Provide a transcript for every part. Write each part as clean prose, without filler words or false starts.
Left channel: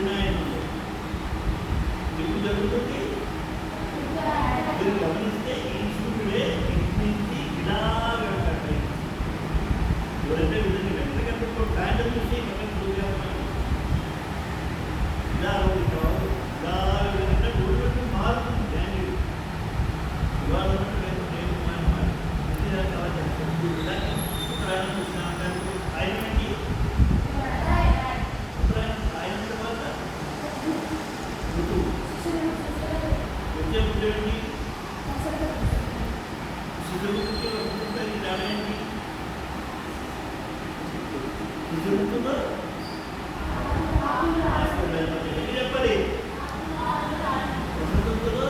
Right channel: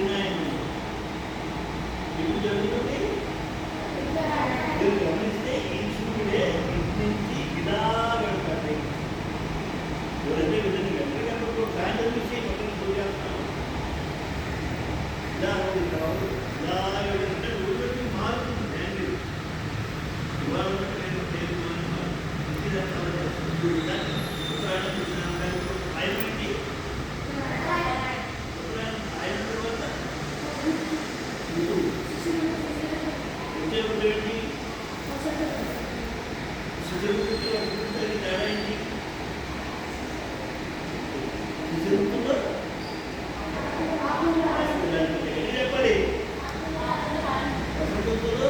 దక్షిణాయనం ఎప్పుడు జరుగుతుంది? మీరు గమనిస్తే ఈ సూర్యుడే ఇంటి నుంచి ఇలా వెళ్తాడు. ఎవరైతే విధంగా ఎక్కడికప్పుడు ట్రాండల్ విషయం పక్కన చూసేస్తాను ఇలా ఇలా అంటే ఊరికి మారుతుంది ట్రాండిల్. ఇవాళ ఆయన నుంచి ఆయన తర్వాత వచ్చేది శిశువుకి వస్తుంది తేడా ఏంటి? శిశువుతో చెప్పాలి వసంతంతో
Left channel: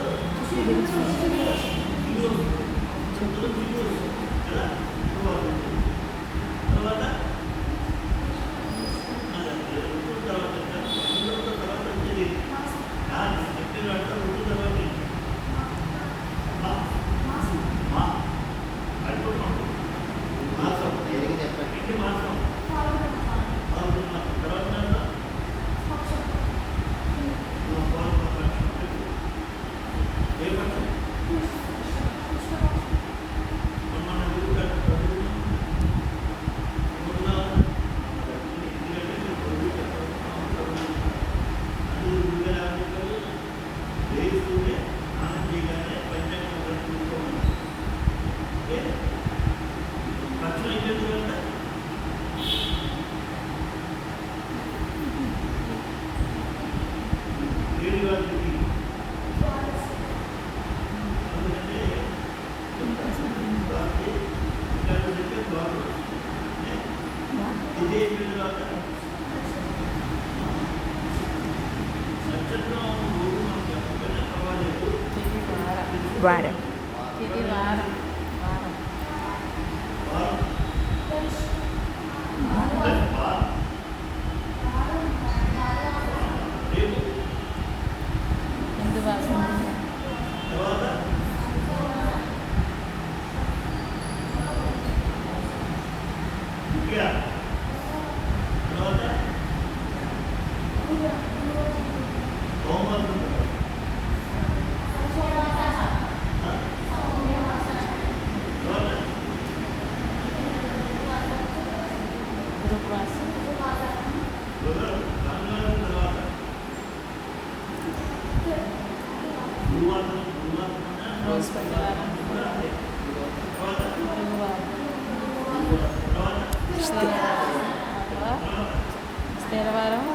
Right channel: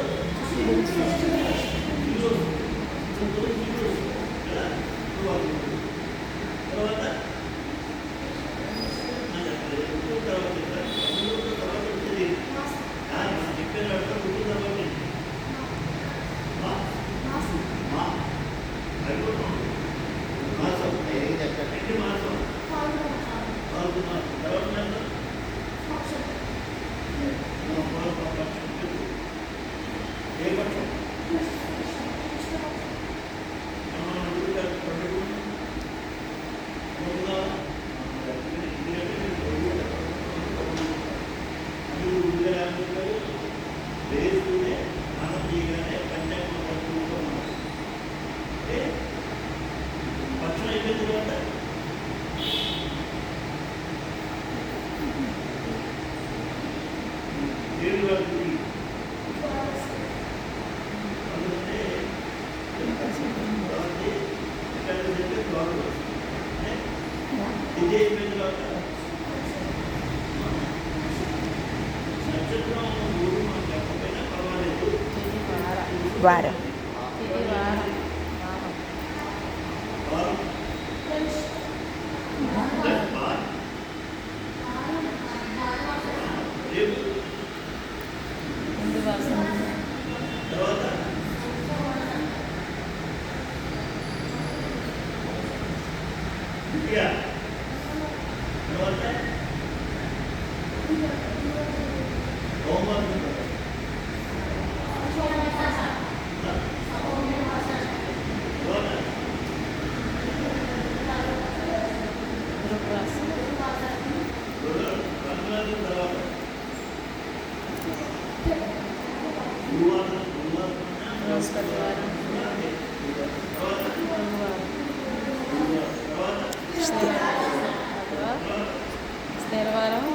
వారం ఇది వారం వారం హిందూ భాష బృహస్పతివారం గురువారం స్థిరవారం